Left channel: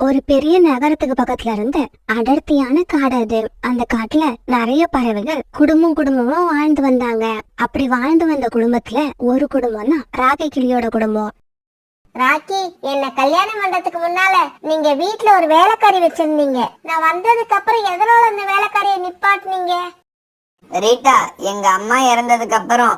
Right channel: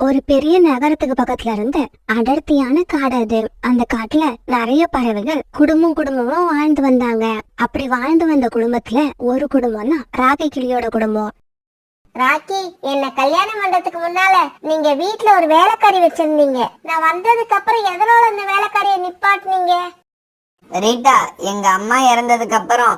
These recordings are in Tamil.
ஒரு பெரிய நகரத்துக்கு பக்கத்துல இருந்து அடர்த்தியான காடு அது. அந்த காட்டுல நிறைய பறவைகள் குடும்பமா வாழ்ந்து வந்தாங்க. அப்படி வாழ்ந்து வந்த குடும்பத்துல ஒரு குடும்பம் தான் ராக்கி கிளியோட குடும்பம். ராக்கி, என்ன கல்யாணம் பண்றதுக்கு முன்னால நீங்க வீட்டுல ஒரு வேலைக்காரி வச்சிருந்தீங்க. நான் வந்ததுக்கு அப்புறம் எதனால அந்த வேலைக்காரியை நிப்பாட்டினீங்க? ரீட்டா, எங்க அம்மா இறந்ததுக்கு அப்புறம்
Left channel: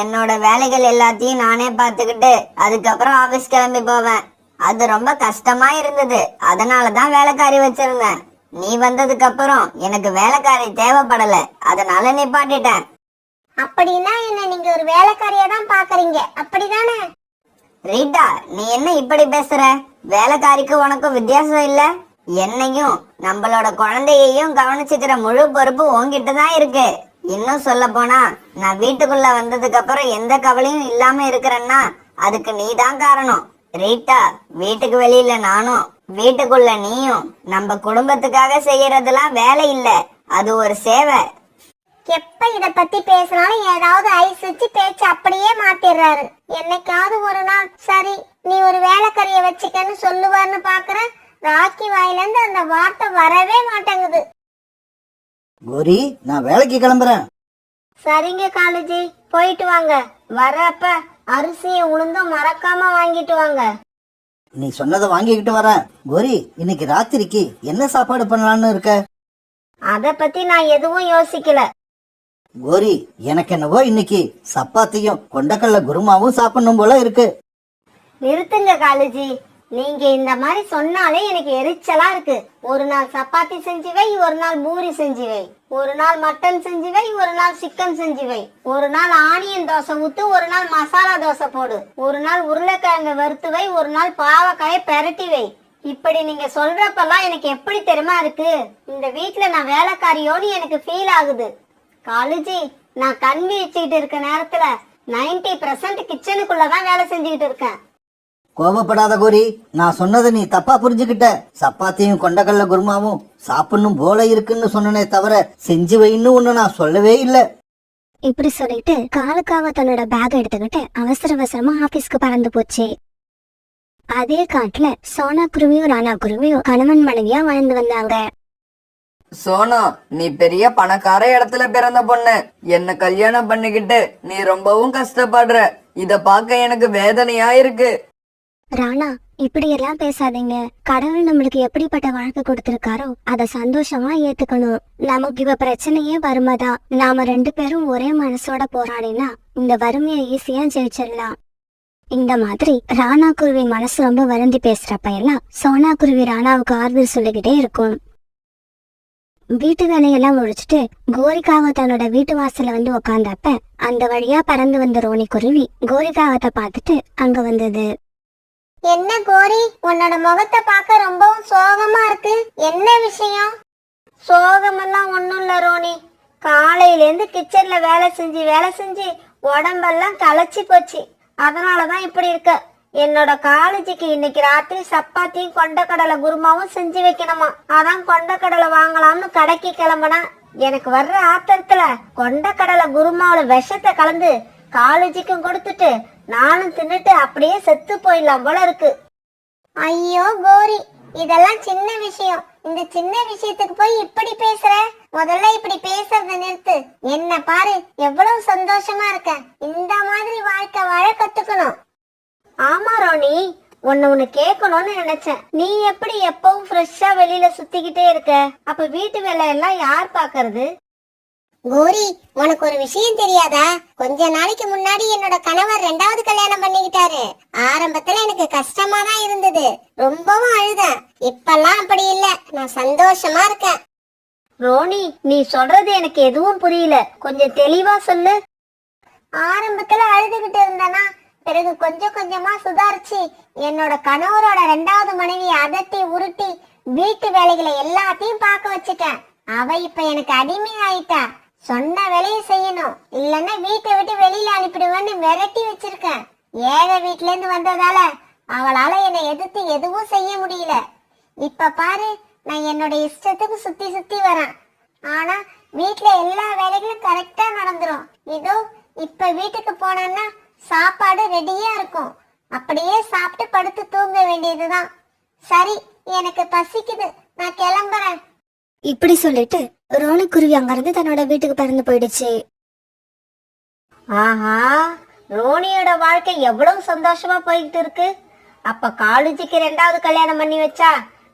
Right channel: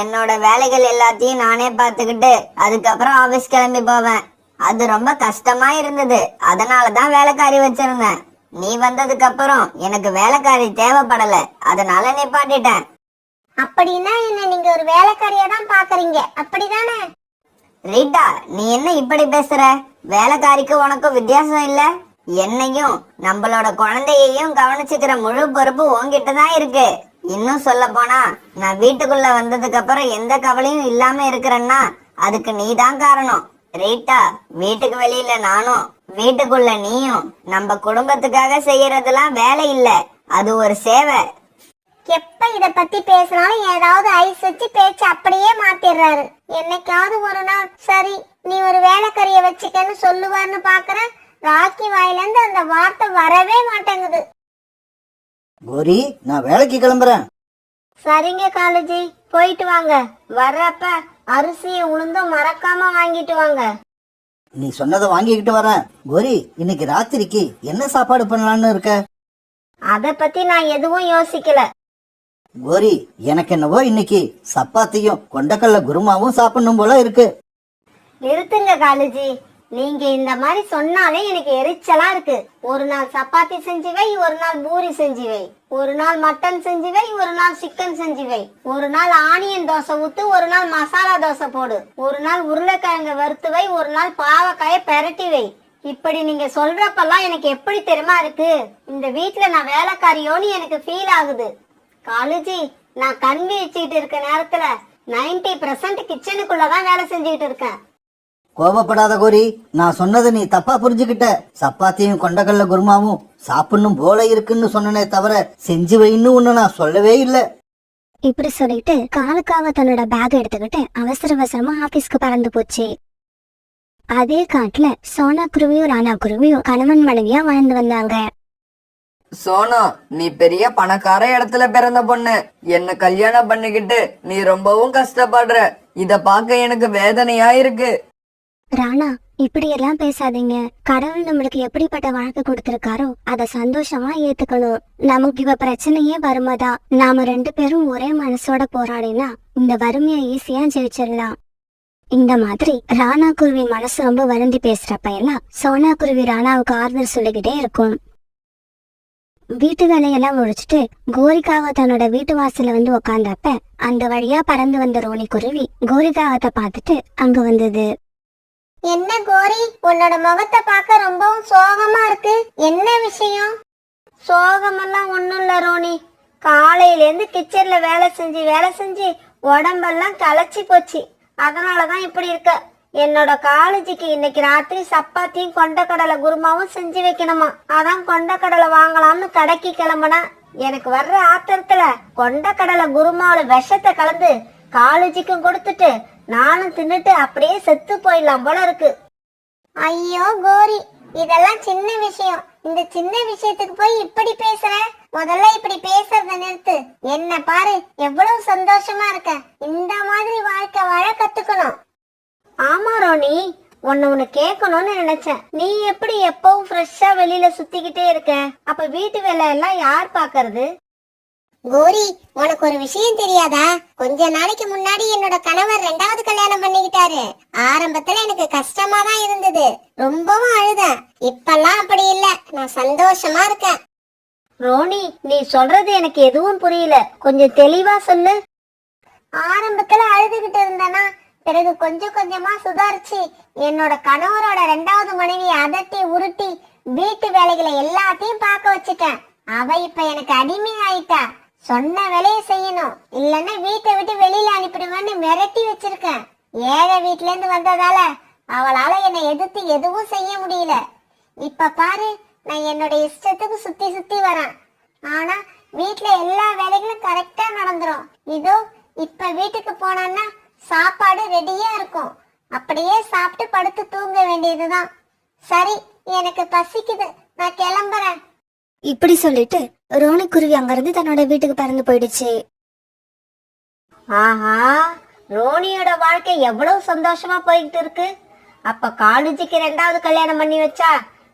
என்னோட வேலைகள் எல்லாத்தையும் நானே பார்த்துக்கிட்டு அதுக்கப்புறம் ஆபீஸ் கிளம்பி போவேன். அது ரொம்ப கஷ்டமா இருந்தது. அதனாலதான் வேலைக்காரி வச்சிருந்தேன். நீ வந்ததுக்கு அப்புறம் எனக்கு வேலைக்காரி தேவைப்படல, அதனால நிப்பாட்டிட்டேன். அப்படின்னா என்ன நீங்க ஒரு வேலைக்காரியா தான் பாக்குறீங்க, அப்படிதானே? ரீட்டா, நீ என்ன இப்படி பேசுற? வேலைக்காரிக்கு உனக்கும் வித்தியாசம் இல்ல? என்னையும் நம்மளோட குழந்தையையும் கவனிச்சுக்கிற முழு பொறுப்பு உன்கிட்ட தான் இருக்கு. இன்னும் சொல்ல போனா, நான் வீட்டுக்குள்ள வந்ததுக்கு அப்புறம் எந்த கவலையும் இல்லாம இருக்கிறேன்னா அதுக்கு நீ தான் காரணம். ரீட்டா, வீட்டுக்கு வெளியில நானும் வீட்டுக்குள்ள நீயும் நம்ம குடும்பத்துக்காக செய்யறதெல்லாம் வேலை இல்ல, அது ஒரு சேவை. எப்ப இத பத்தி பேசினாலும் ஏதாவது ஐஸ் வச்சு பேச்சு அப்படியே மாத்திடுறாரு. என்னைக்காவது ஒரு நாள் சரி நீ ஒரு வேலைக்காரிய வச்சுக்கன்னு சொல்லுவார்னு பாக்குறேன். ராக்கி வாயிலிருந்து அந்த வார்த்தை வரவே மாட்டேங்குது. கோரி, நான் வேலைக்கு கிளம்புறேன். சரிங்க காலேஜி, போயிட்டு வாங்க. வர்றப்ப அரிசியை உளுந்தும் மறக்காம வாங்கிட்டு வாங்க. நீ சொன்னதை வாங்கிக்கிட்டு வரேன். கோரி, இன்னைக்கு ராத்திரிக்கு என்ன சாப்பாடு பண்ணலான்னு இருக்க? அத பத்தி நான் எதுவும் யோசிக்கல. கோரி, எனக்கு என்னவோ இன்னைக்கு சப்பாத்தியும் கொண்டக்கல்ல குருமாவும் சாப்பிடணும் போல இருக்கு. நிறுத்துங்க காலேஜி, நீங்க இந்த மாதிரி சொன்னாலே எனக்கு எரிச்சலா இருக்கு. ஒரு நாள் சப்பாத்தி செஞ்சு வை, ஒரு நாள் பூரி செஞ்சு வை, ஒரு நாள் மட்டன் செஞ்சு வை, ஒரு நாள் சிக்கன் செஞ்சு வை, ஒரு நாள் ஆனியன் தோசை ஊத்து, ஒரு நாள் மசாலா தோசை போடு, ஒரு நாள் உருளைக்கிழங்கு வறுத்து வை, ஒரு நாள் பாவக்காயை பெரட்டி வை. இப்படி நீங்க சொல்றப்பெல்லாம் எனக்கு எப்படி தெரியுமா இருக்கு, இந்த வீட்டுல நான் வேலைக்காரியோன்னு எனக்கு ஃபீல் ஆகுது. காலேஜி, நான் கண் வச்சுக்கிட்டு இருக்க நேரத்துல 90% கிச்சனுக்குள்ளதான் வேலை செஞ்சுக்கிட்டு இருக்கேன். கோபப்படாத கோரி, நான் சொன்னதை நீ தப்பா புரிஞ்சுக்கிட்ட. சப்பாத்தியும் கொண்டக்கல்ல குருமாவும் சாப்பிடணும் போல இருக்குன்னு சொன்னனே தவிர செஞ்சு வைன்னு ஒண்ணு நான் சொல்லவே இல்ல. இப்படி சொல்லிட்டு காலுக்காக தன்னோட பேக் எடுத்துக்கிட்டு அவசரமா ஆபீஸ்க்கு பறந்து போச்சு. அதே காட்டுல சோனா குருவியும் ராணா குருவியும் கணவன் மனைவியா வாழ்ந்து வந்தாங்க. சோனா, நீ பெரிய பணக்கார இடத்துல பிறந்த பொண்ணு. என்ன கல்யாணம் பண்ணிக்கிட்டு நீ ரொம்பவும் கஷ்டப்படுற. இத பார்க்க எனக்கு வேதனையா இருக்கு. ராணா, இப்படி எல்லாம் பேசாதீங்க. கடவுள் நம்மளுக்கு எப்படிப்பட்ட வாழ்க்கை கொடுத்திருக்காரோ அத சந்தோஷமா ஏத்துக்கணும். நமக்கு இப்ப பிரச்சனையே வறுமைதான். நாம 2 பேரும் ஒரே மனசோட போராடினா இந்த வறுமையை ஈஸியா ஜெயிச்சிடலாம். இந்த மாதிரி ராணா குருவி மனசு ரொம்ப வருந்தி பேசுறப்ப எல்லாம் சோனா குருவி ராணாவுக்கு ஆறுதல் சொல்லிக்கிட்டே இருக்கும். வீட்டு வேலையெல்லாம் முடிச்சுட்டு கோரிக்காவை தன்னோட வீட்டு வாசல்ல வந்து உக்காந்தப்ப அந்த வழியா பறந்து வந்த ரோனி குருவி கோரிக்காவத்தை பார்த்துட்டு அங்க வந்தது. என்ன கோரி, உன்னோட முகத்தை பார்க்க ரொம்பவும் சோகமா இருக்கு. என்ன விஷயம்? சோகமெல்லாம் ஒண்ணும் இல்ல ரோனி. காலையில இருந்து கிச்சன்ல வேலை செஞ்சு உடம்பெல்லாம் களைச்சி போச்சு. அதனாலதான் இப்படி இருக்க. என்னோட காலேஜுக்கு இன்னைக்கு ராத்திரி சப்பாத்தியும் கொண்டக்கடலை குருமாவும் செஞ்சு வைக்கணுமா. அதான் கொண்டக்கடலை வாங்கலாம்னு கடைக்கு கிளம்புனா எனக்கு வர்ற ஆத்திரத்துல கொண்டக்கடலை குருமாவில விஷத்தை கலந்து காலேஜுக்கும் கொடுத்துட்டு நானும் தின்னுட்டு அப்படியே செத்து போயிடலாம் போல இருக்கு. ஐயோ கோரி, இதெல்லாம் சின்ன விஷயம். இந்த சின்ன விஷயத்துக்கு போய் இப்படி பேசுற? முதல்ல இப்படி பேசுறத நிறுத்து. என்ன பாரு, எவ்வளவு சந்தோஷமா இருக்க. இந்த மாதிரி வாழ்க்கை வாழ கத்துக்கணும். ஆமா ரோனி, ஒன்னு கேட்கணும்னு நினைச்சேன். நீ எப்படி எப்பவும் ஃப்ரெஷ்ஷா வெளியில சுத்திக்கிட்டே இருக்க? அப்ப வீட்டு வேலை எல்லாம் யார் பாக்குறது? கோரி, உனக்கு ஒரு விஷயம் தெரியாதா? கொஞ்ச நாளைக்கு முன்னாடி என்னோட கணவர் 2வது கல்யாணம் பண்ணிக்கிட்டாரு. ஆரம்பத்துல எனக்கு கஷ்டமா தான் இருந்தது, ரொம்பவும் அழுதேன். இப்பெல்லாம் அப்படி இல்ல, நான் சந்தோஷமா இருக்கேன். ரோனி, நீ சொல்றது எனக்கு எதுவும் புரியல, கொஞ்சம் தெளிவா சொல்லு. ஆரம்பத்துல அழுதுகிட்டு இருந்தனா, பிறகு கொஞ்சம் கொஞ்சமா சுதாரிச்சு என்னோட கணவரோட 2வது மனைவியை அதட்டி உருட்டி வீட்டு வேலைகளை எல்லாத்தையும் பார்க்க வச்சுட்டேன். அவ இப்ப எனக்கு அடிமை ஆயிட்டா. சொன்ன வேலையை செய்யணும், இல்லன்னா வீட்டை விட்டு வெளியில அனுப்பிடுவேன்னு மிரட்டி வச்சிருக்கேன். ஏழை வீட்டுல இருந்து வந்ததால அவளால என்னை எதிர்த்து எதுவும் செய்ய முடியல. இப்ப பாரு, நான் என்னோட இஷ்டத்துக்கு சுத்தி சுத்தி வரேன். ஆனா வீட்டுல எல்லா வேலைகளும் கரெக்டா நடந்துரும். இதோ இப்ப வீட்டுக்கு போனா சாப்பாடு ரெடியா இருக்கும். அப்படியே சாப்பிட்டு படுத்து தூங்க வேண்டியதுதான். சரி, எனக்கு பசிக்குது, நான் கிளம்புறேன். இப்படி சொல்லிட்டு ரோனிக்குருவி அங்கிருந்து தன்னோட வீட்டுக்கு பறந்து போயிடுச்சு. ஆஹா, ரோனியோட வாழ்க்கை எவ்வளவு சந்தோஷமா போய்கிட்டு இருக்கு. அப்ப காலேஜுக்கு 2வது கல்யாணம் பண்ணி வச்சா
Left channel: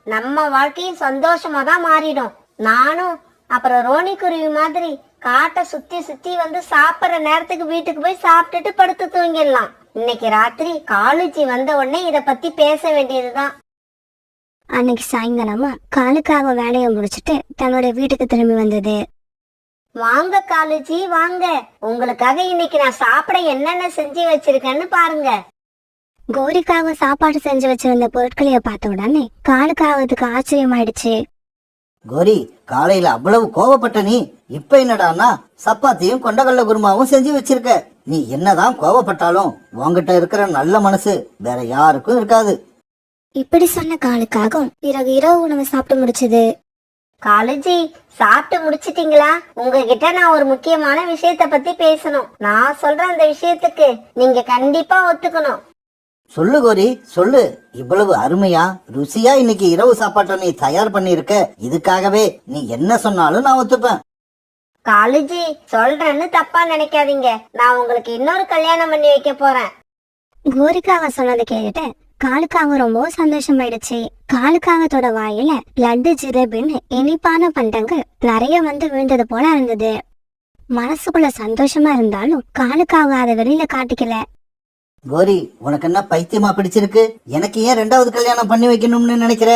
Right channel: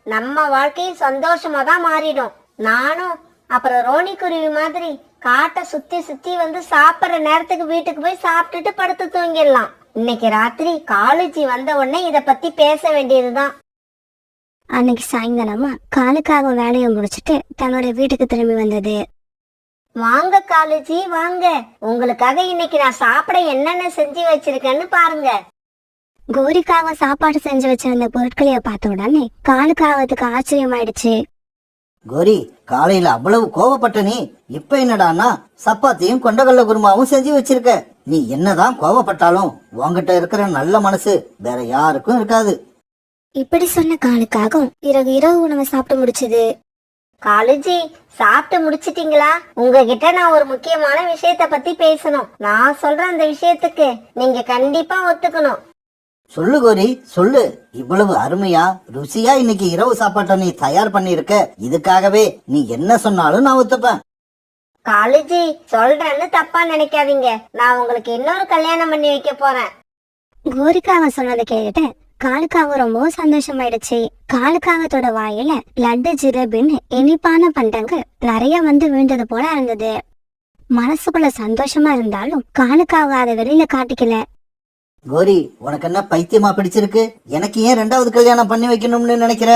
நம்ம வாழ்க்கையும் சந்தோஷமா தான் மாறிடும். நானும் அப்புறம் ரோனி குருவி மாதிரி காட்டை சுத்தி சுத்தி வந்து சாப்பிடுற நேரத்துக்கு வீட்டுக்கு போய் சாப்பிட்டுட்டு படுத்து தூங்கிடலாம். இன்னைக்கு ராத்திரி காலேஜ் வந்த உடனே இத பத்தி பேச வேண்டியதுதான். அன்னைக்கு சாயங்காலமா காலுக்காக வேலையை முடிச்சிட்டு தன்னோட வீட்டுக்கு திரும்பி வந்தது. வாங்க காலேஜி, வாங்க. உங்களுக்காக இன்னைக்கு நான் சாப்பிட என்னென்ன செஞ்சு வச்சிருக்கேன்னு பாருங்க. கோரிக்காக சாப்பாடு செஞ்சு வச்சிருந்த பொருட்களைய பார்த்த உடனே காலுக்காகத்துக்கு ஆச்சரியமாயிடுச்சு. கோரி, காலையில அவ்வளவு கோவப்பட்ட நீ இப்ப என்னடான்னா சப்பாத்தியும் கொண்டகல்ல குருமாவும் செஞ்சு வச்சிருக்க. நீ என்னதான் கோவப்பட்டாலும் உன்கிட்ட இருக்கிற நல்ல மனசு வேற யாருக்கும் இருக்காது. இப்படி சொன்ன காலுக்காகவும் பிறகு இரவு உணவை சாப்பிட்டு முடிச்சது. காலேஜி, சாப்பிட்டு முடிச்சிட்டீங்களா? உங்ககிட்ட நான் ஒரு முக்கியமான விஷயத்த பத்தி பேசணும். நான் சொல்ற அந்த விஷயத்துக்கு நீங்க கண்டிப்பா ஒத்துக்கணும். சொல்லு கோரி, சொல்லு. இவ்வளவு அருமையா ருசியா இன்னைக்கு இரவு சாப்பாட்டை நீ தயார் பண்ணி இருக்க. இதுக்காகவே நீ என்ன சொன்னாலும் நான் ஒத்துப்பேன். காலேஜி, சொல்றேன்னு தப்பா நினைக்காதீங்க. நான் உங்களுக்கு இன்னொரு கல்யாணம் பண்ணி வைக்க போறேன். கோரிக்காக சொன்னதை கேட்டுட்டு காலுக்காக ரொம்பவும் சந்தோஷமாயிடுச்சு. காலுக்காகத்தோட வாயில லட்டு ஜிலேபின்னு இனிப்பான பண்டங்கள் நிறைய வந்து விழுந்தது போல இருந்தது. மனசுக்குள்ள சந்தோஷமா இருந்தாலும் காலுக்காக அதை வெளியில காட்டிக்கல. கோரி, உனக்கு என்ன பைத்தியமா பிடிச்சிருக்கு? எனக்கு ஏன் 2வது கல்யாணம் பண்ணி வைக்கணும்னு நினைக்கிற?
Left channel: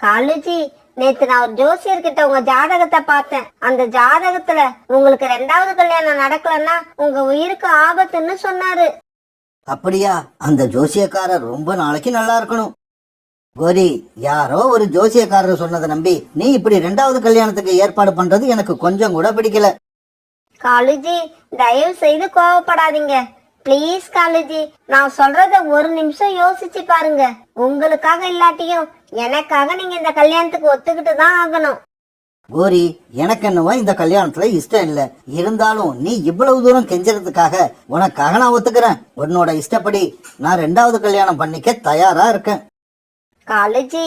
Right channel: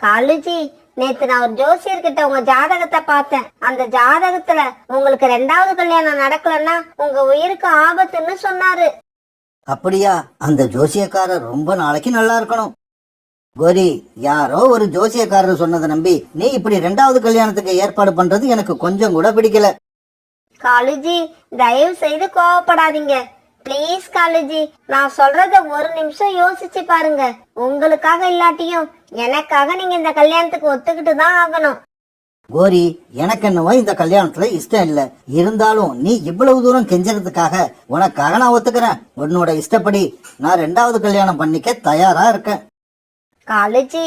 காலேஜி, நேத்து நான் ஒரு ஜோசியர்கிட்ட உங்க ஜாதகத்தை பார்த்தேன். அந்த ஜாதகத்துல உங்களுக்கு 2வது கல்யாணம் நடக்கலன்னா உங்க உயிருக்கு ஆபத்துன்னு சொன்னாரு. அப்படியா? அந்த ஜோசியக்காரர் ரொம்ப நாளைக்கு நல்லா இருக்கணும். கோரி, யாரோ ஒரு ஜோசியக்காரர் சொன்னதை நம்பி நீ இப்படி 2வது கல்யாணத்துக்கு ஏற்பாடு பண்றது எனக்கு கொஞ்சம் கூட பிடிக்கல. காலேஜி, தயவு செய்து கோவப்படாதீங்க பிளீஸ். காலேஜி, நான் சொல்றத ஒரு நிமிஷம் யோசிச்சு பாருங்க. உங்களுக்காக இல்லாட்டியும் எனக்காக நீங்க இந்த கல்யாணத்துக்கு ஒத்துக்கிட்டு தான் ஆகணும். கோரி, எனக்கு என்னவோ இந்த கல்யாணத்துல இஷ்டம் இல்ல. இருந்தாலும் நீ இவ்வளவு தூரம் கெஞ்சறதுக்காக உனக்காக நான் ஒத்துக்கிறேன். உன்னோட இஷ்டப்படி நான் 2வது கல்யாணம் பண்ணிக்க தயாரா இருக்கேன். காலேஜி,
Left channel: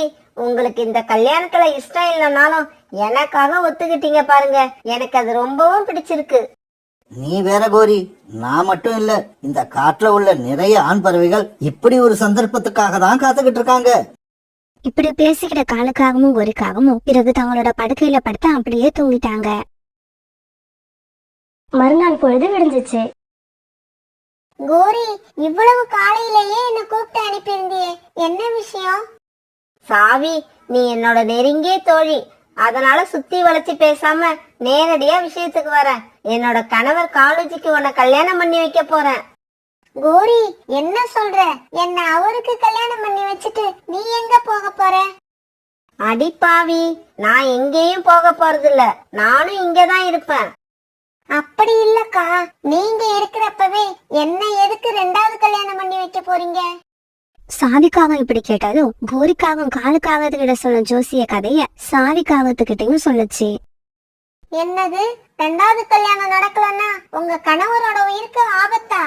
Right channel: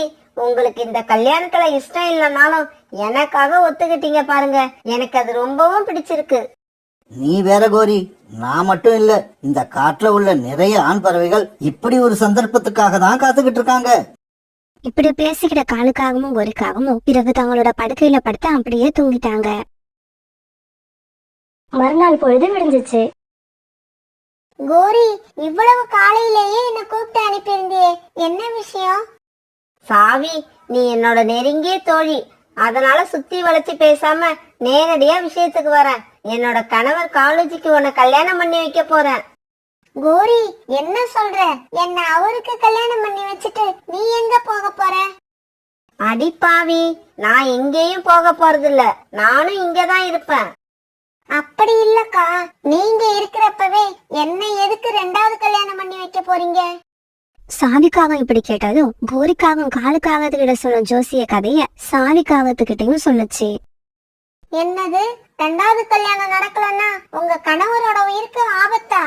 உங்களுக்கு இந்த கல்யாணத்துல இஷ்டம் இல்லைனாலும் எனக்காக ஒத்துக்கிட்டீங்க பாருங்க. எனக்கு அது ரொம்பவும் பிடிச்சிருக்கு. நீ வேற கோரி, நான் மட்டும் இல்ல, இந்த காட்டுல உள்ள நிறைய ஆண் பறவைகள் இப்படி ஒரு சந்தர்ப்பத்துக்காக தான் காத்துக்கிட்டு இருக்காங்க. இப்படி பேசிக்கிட்ட காலுக்காகவும் கோரிக்காகவும் பிறகு தங்களோட படுக்கையில படுத்து அப்படியே தூங்கிட்டாங்க. மறுநாள் பொழுது விடிஞ்சிச்சு. கோரி, இவ்வளவு காலையிலேயே என்ன கூப்பிட்டு அனுப்பியிருந்தியே, என்ன விஷயம்? சாவி, நீ என்னோட நெருங்கிய தோழி. அதனால சுத்தி வளைச்சு பேசாம நேரடியா விஷயத்துக்கு வர. என்னோட கணவர் காலேஜுக்கு உன்னை கல்யாணம் பண்ணி வைக்க போறேன். கோரி, என்ன சொல்ற? என்ன அவருக்கு கல்யாணம் பண்ணி வச்சுட்டு நீ எங்க போக போற? அடிப்பாவி, நான் எங்கேயும் போக போறது இல்ல. நானும் இங்கதான் இருப்பேன். அப்படி இல்லக்கா, நீங்க இருக்கிறப்பவே என்ன எதுக்கு 2வது கல்யாணம் பண்ணி வைக்க போறீங்க? சாவிக்காகம் இப்படி கேட்டதும் கோரிக்காகவும் காலுக்காகத்துக்கிட்ட சொன்ன ஜோசிய கதைய சாவிக்காகத்துக்கிட்டையும் சொல்லுச்சு. என்னது, 2வது கல்யாணம் நடக்கலன்னா உங்க கணவரோட உயிருக்கு ஆபத்தா?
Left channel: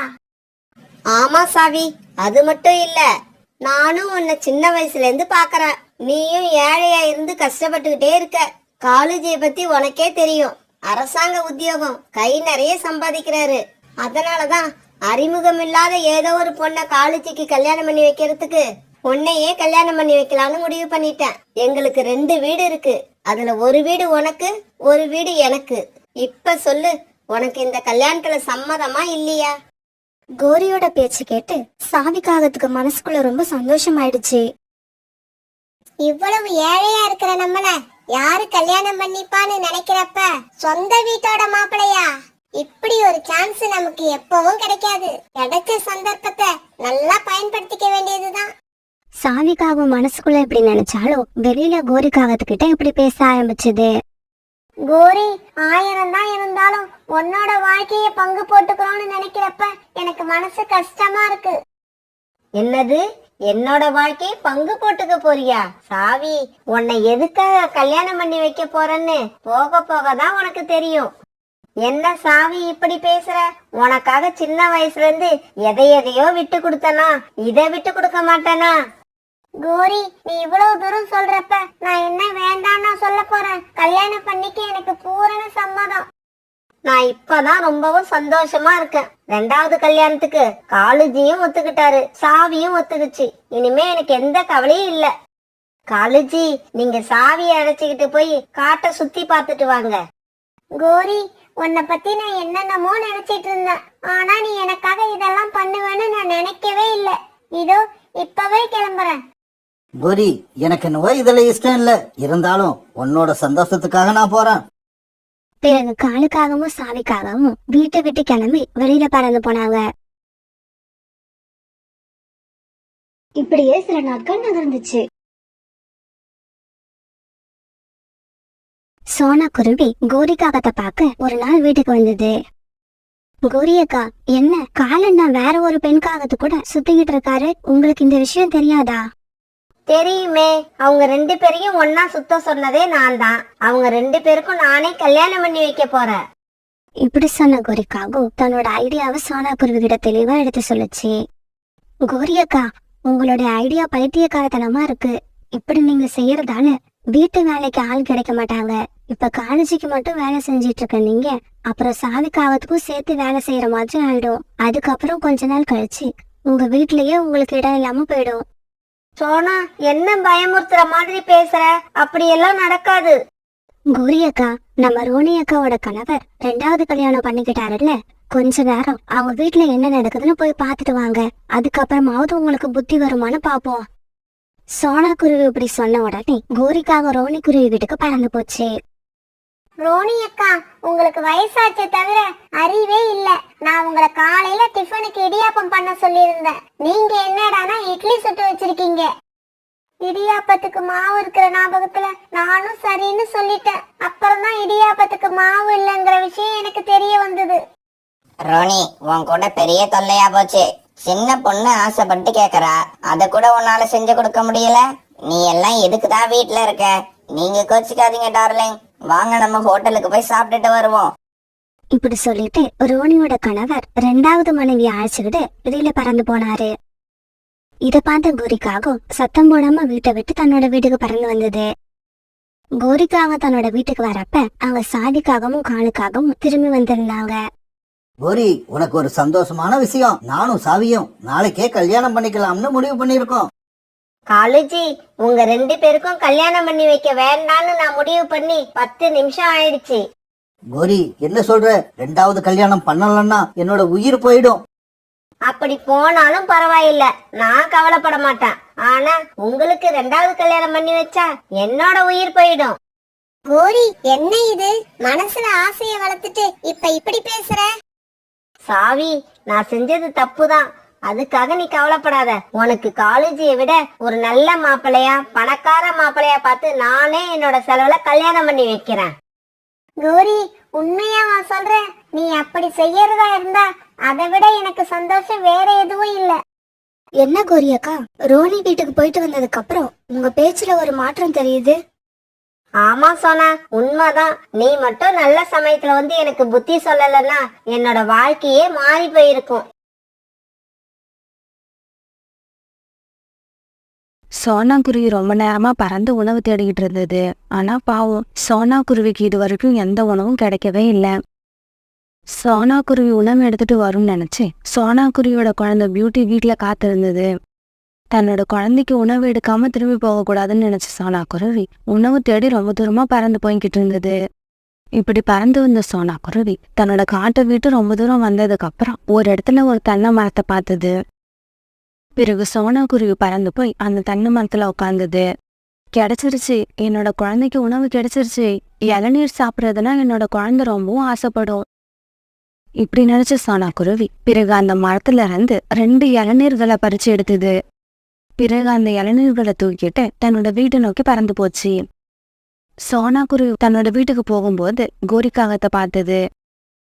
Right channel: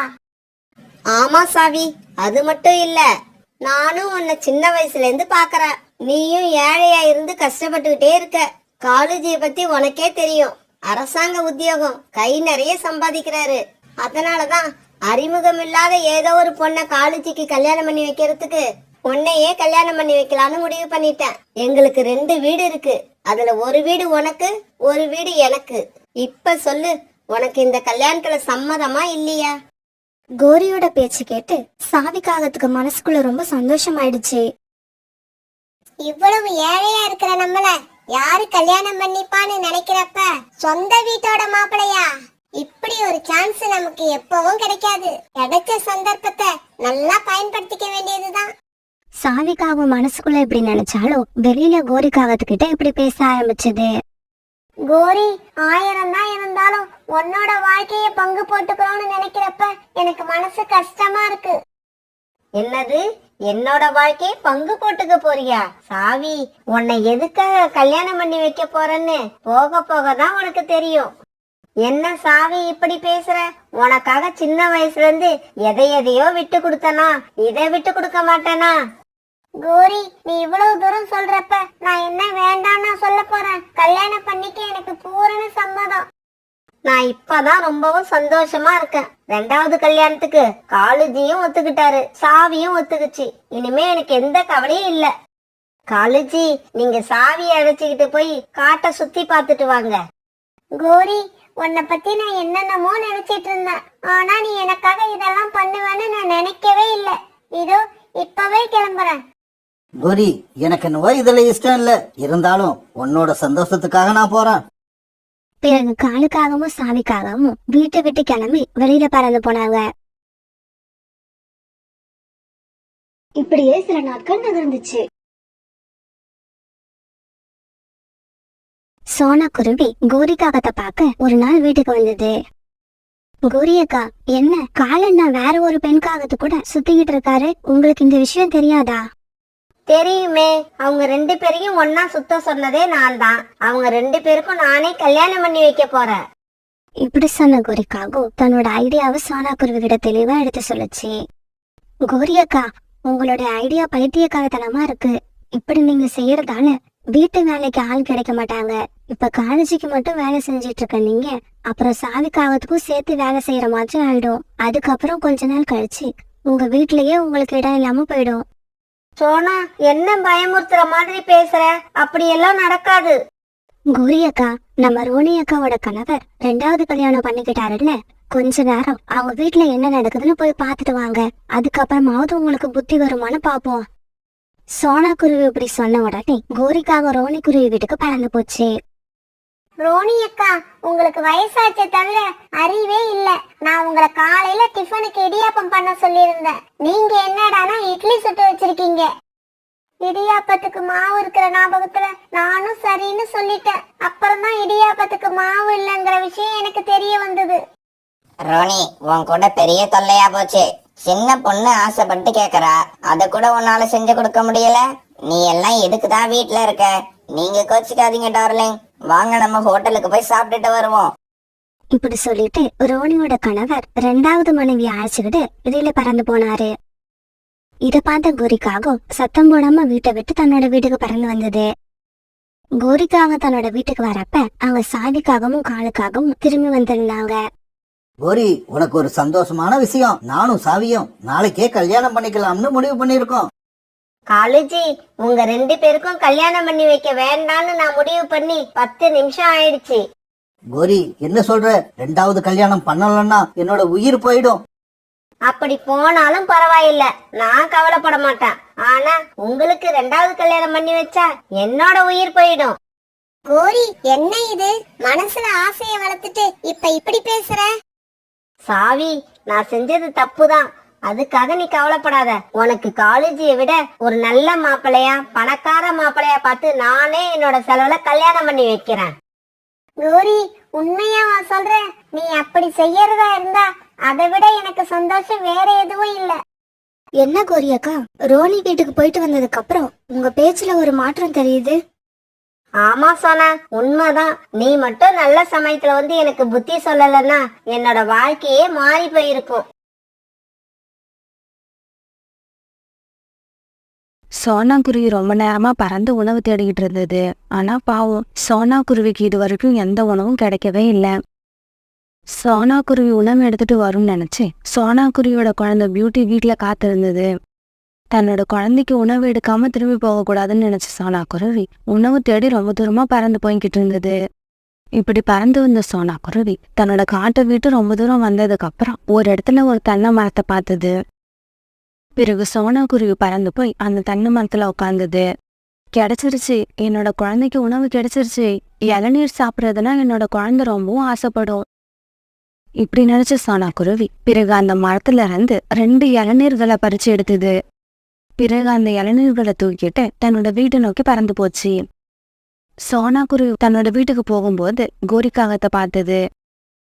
ஆமா சாவி, அது மட்டும் இல்ல, நானும் உன்னை சின்ன வயசுல இருந்து பாக்குறேன். நீயும் ஏழையா இருந்து கஷ்டப்பட்டுக்கிட்டே இருக்க. காலேஜிய பத்தி உனக்கே தெரியும். அரசாங்க உத்தியோகம், கை நிறைய சம்பாதிக்கிறாரு. அதனாலதான் அறிமுகம் இல்லாத ஏதோ ஒரு பொண்ணை காலேஜுக்கு கல்யாணம் பண்ணி வைக்கிறதுக்கு உன்னையே கல்யாணம் பண்ணி வைக்கலான்னு முடிவு பண்ணிட்டேன். எங்களுக்கு 2 வீடு இருக்கு. அதுல ஒரு வீடு உனக்கு, ஒரு வீடு எனக்கு. இப்ப சொல்லு, உனக்கு இந்த கல்யாணத்துல சம்மதமா இல்லையா? கோரியோட பேச்சு கேட்டு சாவிக்காகத்துக்கு மனசுக்குள்ள ரொம்ப சந்தோஷமாயிடுச்சு. இவ்வளவு ஏழையா இருக்கிற நம்மள யாரு கல்யாணம் பண்ணிப்பான்னு நினைக்கிறப்ப சொந்த வீட்டோட மாப்பிளையா? இப்படி ஒரு சான்ஸ் நமக்கு எப்பவும் கிடைக்காது. கிடைச்ச சந்தர்ப்பத்தை நல்லா பயன்படுத்திக்க வேண்டியதுதான். சாவிக்காகவும் மனசுக்குள்ள இப்படி நினைச்சாலும் வெளியில கோரிக்காகத்துக்கிட்ட இப்படி பேச ஆரம்பிச்சது. கோரி, 1000 தான் இருந்தாலும் உன்னோட வாழ்க்கைய பங்கு போட்டுக்கிறோம்னு நினைக்கிறப்ப எனக்கு மனசு கஷ்டமா இருக்கு. என்னது, என்னோட வாழ்க்கைய பங்கு போட்டுக்க போறியா? சாவி, உன்னை எதுக்காக கல்யாணம் பண்ணி வைக்க போறேன்னு போக போக தான் உனக்கு தெரியும். என்ன சாவி இப்படி பேசுற? உனக்காக சின்ன வயசுல இருந்து எதையோ விட்டு கொடுத்தனா, இதை விட்டு கொடுக்க மாட்டேனா? கோரி, நீ இவ்வளவு தூரம் சொல்றப்ப நான் என்ன வேண்டாம்னா சொல்ல போறேன். கல்யாணம் பண்ணிக்க எனக்கு பூரண சம்மதம். நான் இப்பதான் ரொம்பவும் சந்தோஷமா இருக்கேன். 2வது கல்யாணத்துக்கு காலுஜியும் ஒத்துக்கிட்டாரு, சாவியும் ஒத்துக்குச்சு. இனிமே எனக்கு எந்த கவலையும் இல்ல. காலுஜி, நீங்க சாவியை அழைச்சுக்கிட்டு போய் காட்டை சுத்தி பார்த்துட்டு வாங்க. கோரி, உன்னை பத்தி நான் என்னென்னமோ நினைச்சிட்டு இருந்தேன். ஆனா நீ எனக்காக இதெல்லாம் பண்ணுவேன்னு நான் நினைக்கவே இல்ல. இதோ இப்பவே கிளம்புறேன். கோரி, எனக்கு என்னவோ இதுல இஷ்டம் இல்ல, இருந்தாலும் உன்னோட சந்தோஷத்துக்காக நான் போறேன். பிறகு காலுக்காகவும் சாவிக்காகவும் வீட்டை விட்டு கிளம்பி வெளியில பறந்து போனாங்க. இப்படியே சில நாட்கள் நகர்ந்துச்சு. சோனா குருவி கோரிக்காகத்தை பார்க்க ஒரு நாள் வீட்டுக்கு வந்தது. கோரியக்கா, என்ன காலண்ணா வேற ஒரு பெண்காகத்து கூட சுத்திக்கிட்டு இருக்காரு, உங்களுக்கு இந்த விஷயம் தெரியாதா? தெரியுமே, அவங்க 2 பேரையும் ஒன்னா சுத்த சொன்னதே நான் தான். அவங்க 2 பேருக்கும் நானே கல்யாணம் பண்ணி வைக்க போறேன். இப்படி சொன்ன கோரிக்காகோ தன்னோட ஐடியாவை சோனா குருவிகிட்ட தெளிவா எடுத்து சொல்லுச்சு. கோரியக்கா, உங்களுடைய ஐடியா பைத்தியக்காரத்தனமா இருக்கு. இப்படி நீங்க செய்யறதால வீட்டு வேலைக்கு ஆள் கிடைக்க மாட்டாங்க. இப்ப காலேஜுக்கு மட்டும் வேலை செஞ்சிட்டு இருக்க நீங்க அப்புறம் சாவிக்காகத்துக்கும் சேர்த்து வேலை செய்யற மாதிரி ஆயிடும். அதுக்கப்புறம் கொஞ்ச நாள் கழிச்சு உங்க வீட்லயே உங்களுக்கு இடம் இல்லாம போயிடும். சோனா, என்ன பயமுறுத்துற மாதிரி பேசுற? அப்படியெல்லாம் நடக்காது. கோரியக்கா, நம்ம ரோனி அக்காவோட கணவர் 2வது கல்யாணம் பண்ணிக்கிட்டாருல்ல, கொஞ்ச நேரம் அவங்க வீட்டுல என்ன நடக்குதுன்னு போய் பார்த்துட்டு வாங்க. அதுக்கப்புறமாவது உங்களுக்கு புத்தி வருமானு பாப்போம். சோனா குருவி இப்படி சொன்ன உடனே கோரிக்காக ரோனி குருவி வீட்டுக்கு பறந்து போச்சு. ரோனி அக்கா, உங்களுக்கு வயசாச்சே தவிர அறிவே இல்ல. நான் உங்களை காலையில டிஃபனுக்கு இடியாப்பம் பண்ண சொல்லியிருந்தேன். நீங்க என்னடானா இட்லி சுட்டு வச்சிருக்கீங்க. இடியாப்பத்துக்கு மாவு இருக்கிற ஞாபகத்துல நானும் சரின்னு சொல்லிட்டேன். அப்புறம் தான் இடியாப்பத்துக்கு மாவு இல்லைங்கிற விஷயம் எனக்கு தெரிய வந்தது. ரோனி, உன் கூட பெரிய தொல்லையா போச்சு. சின்ன பொண்ணு ஆசைப்பட்டு கேக்குறா, அத கூட உன்னால செஞ்சு கொடுக்க முடியல. நீ எல்லாம் எதுக்குதான் வீட்டுல இருக்க? நீங்க கோச்சிக்காதீங்க டார்லிங், வாங்க நம்ம ஹோட்டலுக்கு போய் சாப்பிட்டுட்டு வருவோம். இப்படி சொல்லிட்டு ரோனியோட கணவர் 2வது மனைவி அழைச்சுக்கிட்டு வெளியில பறந்து போனாரு. இத பார்த்த கோரிக்காக சத்தம் போடாம வீட்டை விட்டு தன்னோட வீட்டுக்கு பறந்து வந்தது. கோரிக்காக தன்னோட வீட்டுக்கு வரப்ப அவங்க சாதிக்காகவும் காலுக்காகவும் திரும்பி வந்திருந்தாங்க. கோரி, உனக்கு ஒரு சந்தோஷமான விஷயம். நானும் சாவியும் நாளைக்கே கல்யாணம் பண்ணிக்கலாம்னு முடிவு பண்ணிருக்கோம். காலேஜி, உங்க 2 பேருக்கும் கல்யாணம் பண்ணி வைக்க வேண்டாம்னு நான் முடிவு பண்ணி 10 நிமிஷம் ஆயிடுச்சு. கோரி, என்ன சொல்ற? 2வது கல்யாணம் பண்ணலன்னா என்னோட உயிர் போயிடும். அப்படி போனாலும் பரவாயில்ல, நான் கவலைப்பட மாட்டேன். ஆனா உங்களுக்கு 2வது கல்யாணம் பண்ணி வச்சா என்னோட உயிர் போயிடும். கோரி, என்ன இது? மனசுல ஆசைய வளர்த்துட்டு இப்ப இப்படி பேசுற? சாவி, நான் செஞ்சது தப்புதான். அதுக்காக நீ கவலைப்படாத. உனக்கு காலேஜியை விட ஒரு நல்ல மாப்பிள்ளையா, பணக்கார மாப்பிள்ளையா பார்த்து நானே என்னோட செலவுல கல்யாணம் பண்ணி வைக்கிறேன். கோரி, உண்மையா சொல்ற? நீ அப்படி செய்யறதா இருந்தா அதை விட எனக்கு சந்தோஷம் வேற எதுவும் இல்ல. என்ன கோரியக்கா, ரோனி வீட்டுக்கு போயிட்டு வந்ததுக்கு அப்புறம் உங்க பேச்சுல ஒரு மாற்றம் தெரியுது. ஆமா சோனா, உண்மைதான். நீ மட்டும் நல்ல சமயத்துல வந்து எனக்கு புத்தி சொல்லலன்னா என்னோட வாழ்க்கையே மாறி போயிருக்கும். சோனா குருவி ரொம்ப நேரமா பறந்து உணவு தேடிக்கிட்டு இருந்தது. ஆனா பாவம், சோனா குருவிக்கு இது வரைக்கும் எந்த உணவும் கிடைக்கவே இல்லை. சோனா குருவி உணவு எடுத்துட்டு வரும்னு நினைச்சு சோனா குருவியோட குழந்தை பியூட்டி வீட்டுல காத்திருந்தது. தன்னோட குழந்தைக்கு உணவு எடுக்காம திரும்பி போக கூடாதுன்னு நினைச்ச சோனா குருவி உணவு தேடி ரொம்ப தூரமா பறந்து போய்கிட்டு இருந்தது. இப்படி பறந்து வந்த சோனா குருவி தன்னோட காட்டை விட்டு ரொம்ப தூரம் வந்ததுக்கு அப்புறம் ஒரு இடத்துல ஒரு தென்னை மரத்தை பார்த்தது. பிறகு சோனா குருவி பறந்து போய் அந்த தென்னை மரத்துல உட்கார்ந்தது. கிடைச்சிருச்சு, என்னோட குழந்தைக்கு உணவு கிடைச்சிருச்சு. இளநீர் சாப்பிட்றதுனா என்னோட குழந்தை ரொம்பவும் ஆசைப்படும். இப்படி நினைச்ச சோனா குருவி பிறகு அந்த மரத்துல இருந்து 2 இளநீர்களை பறிச்சு எடுத்தது. பிறகு அந்த இளநீர்களை தூக்கிட்டு தன்னோட வீட்டை நோக்கி பறந்து போச்சு. சோனா குருவி தன்னோட வீட்டுக்கு போகும்போது கோரிக்காகத்தை பார்த்தது.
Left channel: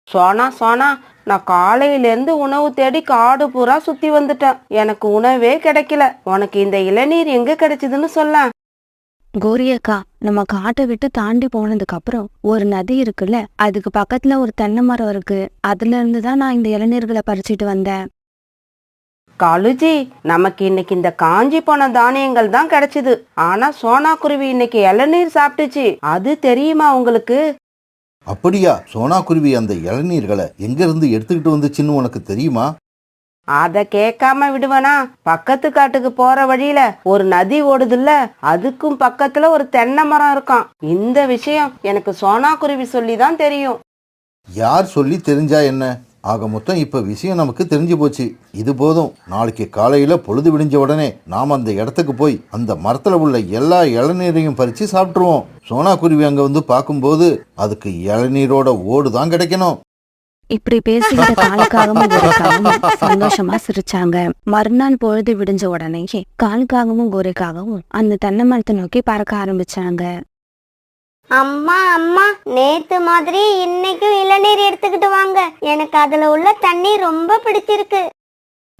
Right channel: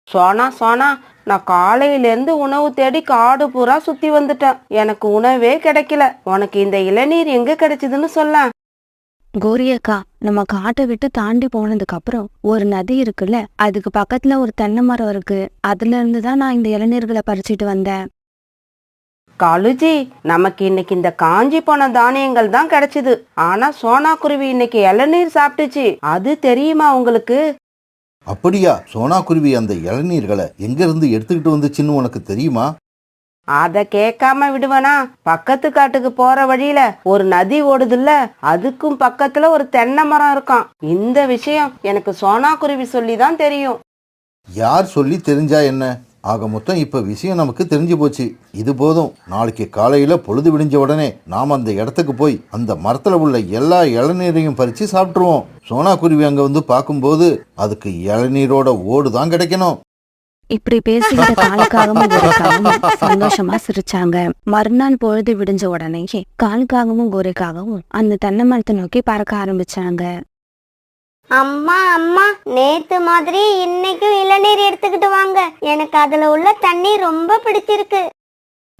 சோனா சோனா, நான் காலையிலேருந்து உணவு தேடி காடு பூரா சுத்தி வந்துட்டேன். எனக்கு உணவே கிடைக்கல. உனக்கு இந்த இளநீர் எங்க கிடைச்சதுன்னு சொல்ல. கோரியக்கா, நம்ம காட்டை விட்டு தாண்டி போனதுக்கு அப்புறம் ஒரு நதி இருக்குல்ல, அதுக்கு பக்கத்துல ஒரு தென்னை மரம் இருக்கு. அதுல இருந்துதான் நான் இந்த இளநீர்களை பறிச்சுட்டு வந்தேன். காலுஜி, நமக்கு இன்னைக்கு இந்த காஞ்சி போன தானியங்கள் தான் கிடைச்சது. ஆனா சோனா குருவி இன்னைக்கு இளநீர் சாப்பிட்டுச்சு. அது தெரியுமா உங்களுக்கு? அப்படியா? சோனா குருவி அந்த இளநீர்களை எங்க இருந்து எடுத்துக்கிட்டு வந்துச்சுன்னு உனக்கு தெரியுமா? அத கேட்காம விடுவனா? பக்கத்து காட்டுக்கு போற வழியில ஒரு நதி ஓடுதுல்ல, அதுக்கும் பக்கத்துல ஒரு தென்னை மரம் இருக்கான். இந்த விஷயம் எனக்கு சோனா குருவி சொல்லி தான் தெரியும். யார் சொல்லி தெரிஞ்சா என்ன? ஆக மொத்தம் இப்ப விஷயம் நமக்கு தெரிஞ்சு போச்சு. இது போதும். நாளைக்கு காலையில பொழுது விடிஞ்ச உடனே நாம் அந்த இடத்துக்கு போய் அந்த மரத்துல உள்ள எல்லா இளநீரையும் பறிச்சு சாப்பிட்டுருவோம். சோனா குருவி அங்க வந்து பார்க்கும்போது அதுக்கு இளநீரோட ஓடு தான் கிடைக்கணும். இப்படி பேசிக்கிட்ட காலுக்காகவும் கோரைக்காகவும் சந்தோஷமா சிரிச்சாங்க. மறுநாள் பொழுது விடிஞ்ச உடனேயே காலுக்காகவும் கோரைக்காகவும் அந்த தென்னை மரத்தை நோக்கி பறக்க ஆரம்பிச்சாங்க. அம்மா அம்மா, நேத்து மாதிரி இன்னைக்கும் இளநீர் எடுத்துக்கிட்டு வாங்க. எனக்கு அதுல உள்ள தண்ணி ரொம்ப பிடிச்சிருக்கு.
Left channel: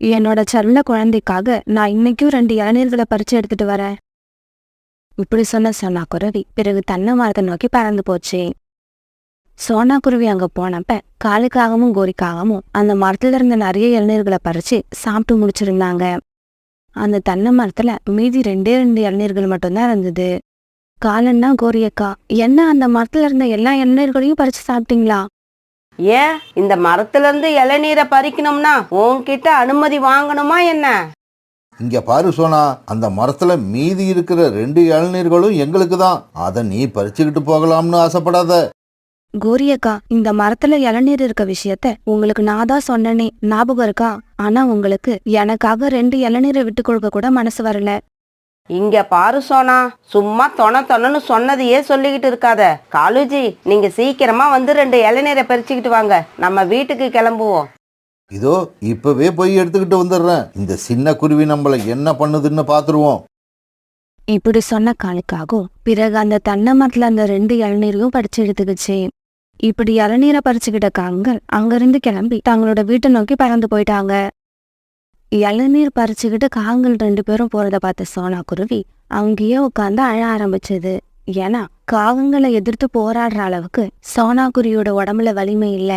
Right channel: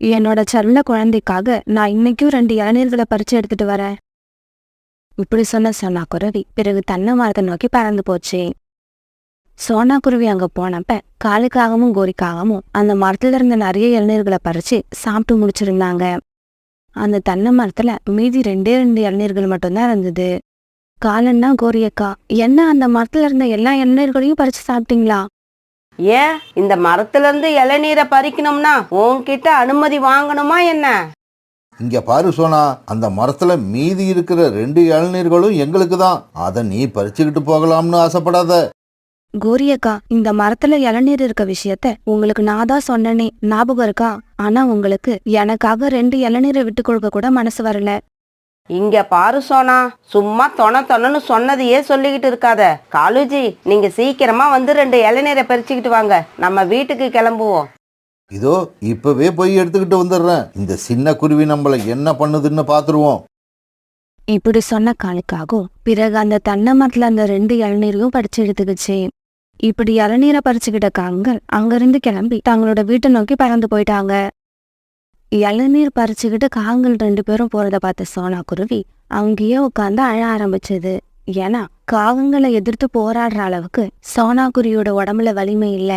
என்னோட செல்ல குழந்தைக்காக நான் இன்னைக்கும் 2 இளநீர்களை பறிச்சு எடுத்துட்டு வரேன். இப்படி சொன்ன சோனா குருவி பிறகு தென்னை மரத்தை நோக்கி பறந்து போச்சு. சோனா குருவி அங்க போனப்ப காலுக்காகவும் கோரிக்காகவும் அந்த மரத்துல இருந்த நிறைய இளநீர்களை பறிச்சு சாப்பிட்டு முடிச்சிருந்தாங்க. அந்த தென்னை மரத்துல மீதி 2 இளநீர்கள் மட்டும்தான் இருந்தது. காலன்னா கோரியக்கா, என்ன அந்த மரத்துல இருந்த எல்லா இளநீர்களையும் பறிச்சு சாப்பிட்டீங்களா? ஏன், இந்த மரத்துல இருந்து இளநீரை பறிக்கணும்னா உன்கிட்ட அனுமதி வாங்கணுமா என்ன? இங்க பாரு சோனா, அந்த மரத்துல மீதி இருக்கிற 2 இளநீர்களும் எங்களுக்கு தான். அதை நீ பறிச்சுக்கிட்டு போகலாம்னு ஆசைப்படாத. கோரியக்கா, இந்த மரத்துல இளநீர் இருக்க விஷயத்த உங்களுக்கு நான் தான் சொன்னனே, ஞாபகம் இருக்கா? ஆனா உங்களுக்கு எனக்காக 2 இளநீரை விட்டு கொடுக்க கூட மனசு வரல. இங்க பாரு சோனா, சும்மா தொணன்னு சொன்னதையே சொல்லிக்கிட்டு இருக்காத. காலுஜி, நீங்க சீக்கிரமா வந்து 2 இளநீரை பறிச்சுக்கிட்டு வாங்க. நம்ம வீட்டுக்கு கிளம்புவோம். இதோ இப்பவே போய் எடுத்துக்கிட்டு வந்துடுறேன். இந்த சின்ன குருவி நம்மள என்ன பண்ணுதுன்னு பாத்துருவோம். இப்படி சொன்ன காலுக்காகும் பிறகு அந்த தென்னை மரத்துல அந்த 2 இளநீரையும் பறிச்சு எடுத்துக்கிச்சு. இப்படி இளநீரை பறிச்சுக்கிட்ட காங்கள் அங்கிருந்து கிளம்பி தங்களோட வீட்டை நோக்கி பறந்து போயிட்டாங்க. இளநீர் பறிச்சுக்கிட்டு காங்கள் 2 பேரும் போறத பார்த்த சோனா குருவி அங்கேயே உட்காந்து அழ ஆரம்பிச்சது. ஏன்னா காகங்களை எதிர்த்து போராடுற அளவுக்கு சோனா குருவியோட உடம்புல வலிமை இல்ல.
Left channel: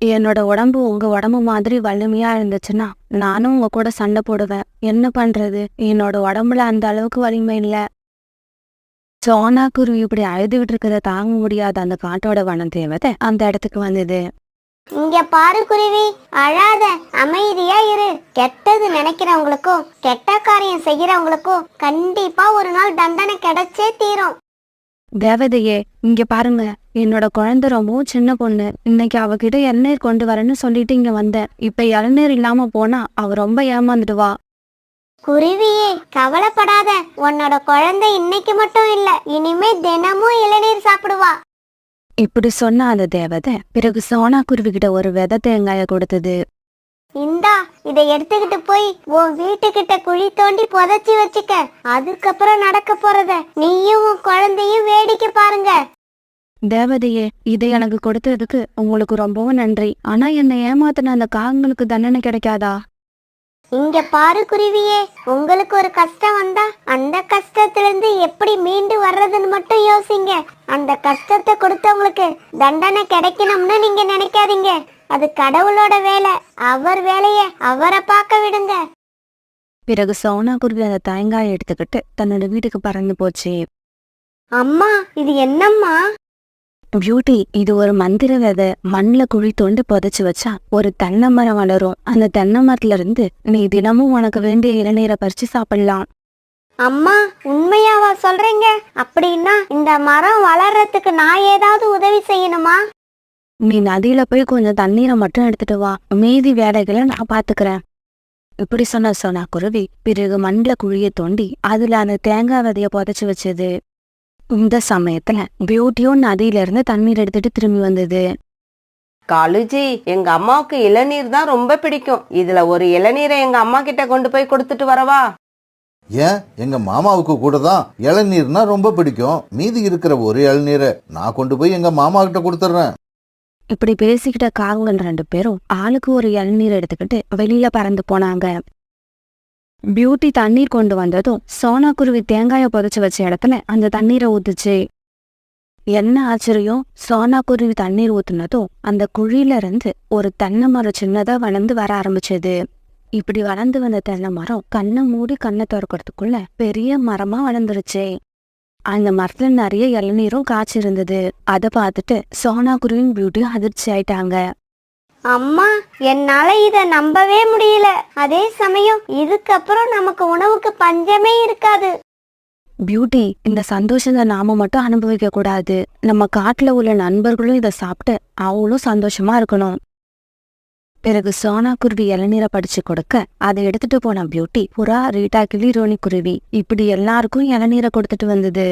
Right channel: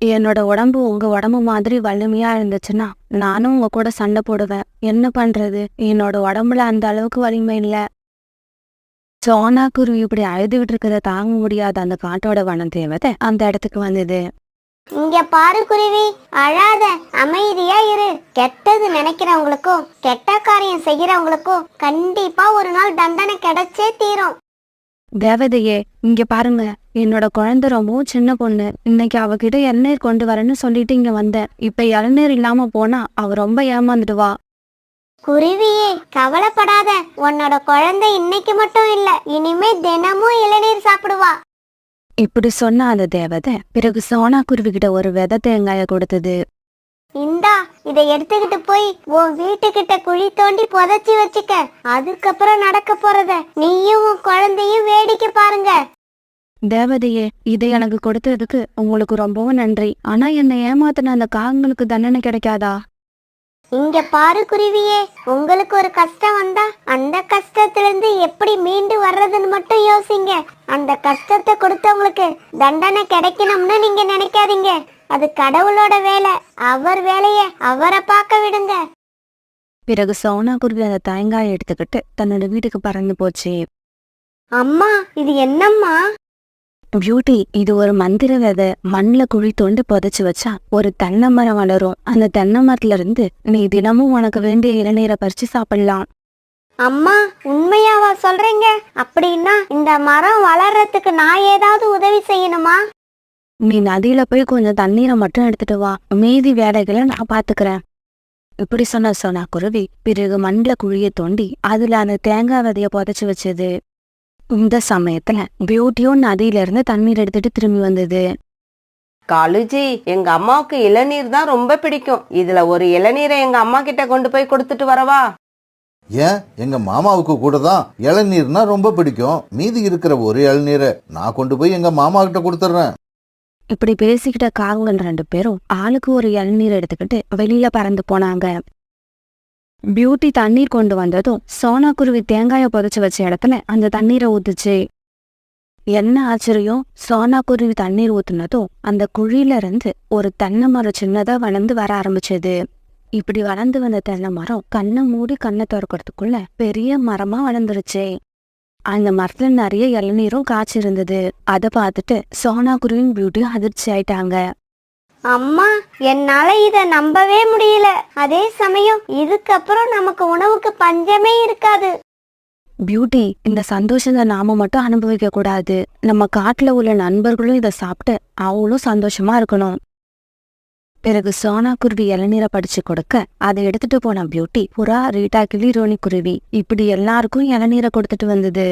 என்னோட உடம்பு உங்க உடம்பு மாதிரி வலிமையா இருந்துச்சுன்னா நானும் உங்க கூட சண்டை போடுவேன். என்ன பண்றது, என்னோட உடம்புல அந்த அளவுக்கு வலிமை இல்ல. சோனா குருவி இப்படி அழுதுகிட்டு இருக்கிறத தாங்க முடியாத அந்த காட்டோட வனம் தேவதை அந்த இடத்துக்கு வந்தது. இங்க பாரு குருவி, அழாத, அமைதியா இரு. கெட்டது நினைக்கிறவங்களுக்கும் கெட்ட காரியம் செய்யறவங்களுக்கும் கண்டிப்பா ஒரு நாள் தண்டனை கிடைச்சே தீரும். தேவதையே, இங்க பாருங்க, என்னோட குழந்தை ரொம்பவும் சின்ன பொண்ணு. இன்னைக்கு அவகிட்ட இளநீர் கொண்டு வரேன்னு சொல்லிட்டு இங்க வந்தேன். இப்ப இளநீர் இல்லாம போனா அவ ரொம்ப ஏமாந்துடுவா. குருவியே, கவலைப்படாத. உன்னோட குழந்தை இன்னைக்கு மட்டும் இல்ல, இனிமே தினமும் இளநீர் சாப்பிடுவா. இப்படி சொன்ன அந்த தேவதை பிறகு சோனா குருவி கிட்ட ஒரு விதை தேங்காய கொடுத்தது. இந்தா, இதை எடுத்துக்கிட்டு போய் உன் வீட்டுக்கிட்ட குழி தோண்டி புதைச்சி வச்சுக்க. அதுக்கப்புறம் நடக்க போறத நீயும் உன் குழந்தையும் வேடிக்கை பாருங்க. தேவதையே, இதை எனக்கு கொடுத்ததுக்கு உங்களுக்கு ரொம்பவும் நன்றி. ஆனா என்னை ஏமாத்தின அந்த காகங்களுக்கு தண்டனை கிடைக்காதா? இங்க பாரு குருவியே, உங்களுக்கு ஒரு கஷ்டம் வந்தா அந்த கஷ்டத்துல இருந்து எப்படி மீண்டு வர்றதுன்னு மட்டும் யோசிங்க. அந்த கஷ்டத்தை கொடுத்தவங்களுக்கு தண்டனை கிடைக்கணும்னு நீங்க நினைக்காதீங்க. அது கடவுளோட வேலை. அவர் வேலைய அவரை பார்க்க விடுங்க. பிறகு சோனா குருவி அந்த தேங்காயை எடுத்துக்கிட்டு தன்னோட வீட்டுக்கு பறந்து போச்சு. அம்மா, இது என்னம்மா? பியூட்டி, இது ஒரு மந்திர விதை. மண்ணுல குழி தோண்டி புதைச்சு வச்சா ஒரு தென்னை மரம் வளரும். அந்த தென்னை மரத்துல இருந்து நீ தினமும் உனக்கு வேண்டிய இளநீரை பறிச்சு சாப்பிடலாம். அம்மா, உண்மையாவா சொல்றீங்க? அப்படின்னா இந்த மரம் வளர்றதுக்கு நான் ஏதாவது உதவி செய்யணுமா? நீ நதியில போய் கொஞ்சம் தண்ணீரை மட்டும் எடுத்துட்டு வா, மீதி வேலைகளை நான் பாத்துக்கிறேன். இப்படி சொன்ன சோனா குருவி பிறகு மண்ணுல குழிய தோண்டி அதுல அந்த தேங்காய் விதைய புதைச்சு வச்சது. இந்த சமயத்துல பியூட்டியும் நதியில இருந்து தண்ணீர் எடுத்துட்டு திரும்பி வந்தது. காலுஜி, எங்க அம்மாவுக்கு இளநீர் தான் ரொம்ப பிடிக்கும். இதுல ஒரு இளநீரை எங்க அம்மா கிட்ட கொண்டு போய் கொடுத்துட்டு வரவா? ஏன், எங்க மாமாவுக்கு கூட தான் இளநீர்னா ரொம்ப பிடிக்கும். மீதி இருக்கிற ஒரு இளநீரை நான் கொண்டு போய் எங்க மாமா கிட்ட கொடுத்துட்றேன். இப்படி பேசிக்கிட்ட காகங்கள் 2 பேரும் ஆளுக்கு ஒரு இளநீர் எடுத்துக்கிட்டு வெளியில பறந்து போனாங்க. பியூட்டி தண்ணீர் கொண்டு வந்ததும் சோனா குருவி தேங்காய புதைச்சு வச்ச இடத்துல அந்த தண்ணீரை ஊத்துச்சு. என்ன ஆச்சரியம், சோனா குருவி தண்ணீர் ஊத்துனதும் அந்த குழியில இருந்து ஒரு தென்னை மரம் சின்னதா வளர்ந்து வர ஆரம்பிச்சது. இப்படி வளர்ந்து வந்த தென்னை மரம் கண்ணை மூடி கண்ணை திறக்கிறதுக்குள்ள பெரிய மரமா வளர்ந்துருச்சு. அந்த மரத்துல நிறைய இளநீரும் காய்ச்சிருந்தது. அதை பார்த்துட்டு சோனா குருவியும் பியூட்டியும் அதிர்ச்சி ஆயிட்டாங்க. அம்மா, என்னால இத நம்பவே முடியல. அதே சமயம் இதுக்கப்புறம் நமக்கு உணவுக்கு பஞ்சமே இருக்காது. பியூட்டி, இந்த சந்தோஷத்தை நாம மட்டும் அனுபவிக்க கூடாது. நம்ம காட்டுல உள்ள நண்பர்களும் இதை சாப்பிட்டு அவங்களும் சந்தோஷமா இருக்கணும். பிறகு சோனா குருவி இளநீரை படிச்சு கொடுக்க அதை எடுத்துட்டு போன பியூட்டி புறா, ரீட்டா கிளி, ரோனி குருவி இப்படி எல்லாருக்கும் இளநீரை கொடுத்துட்டு வந்தது.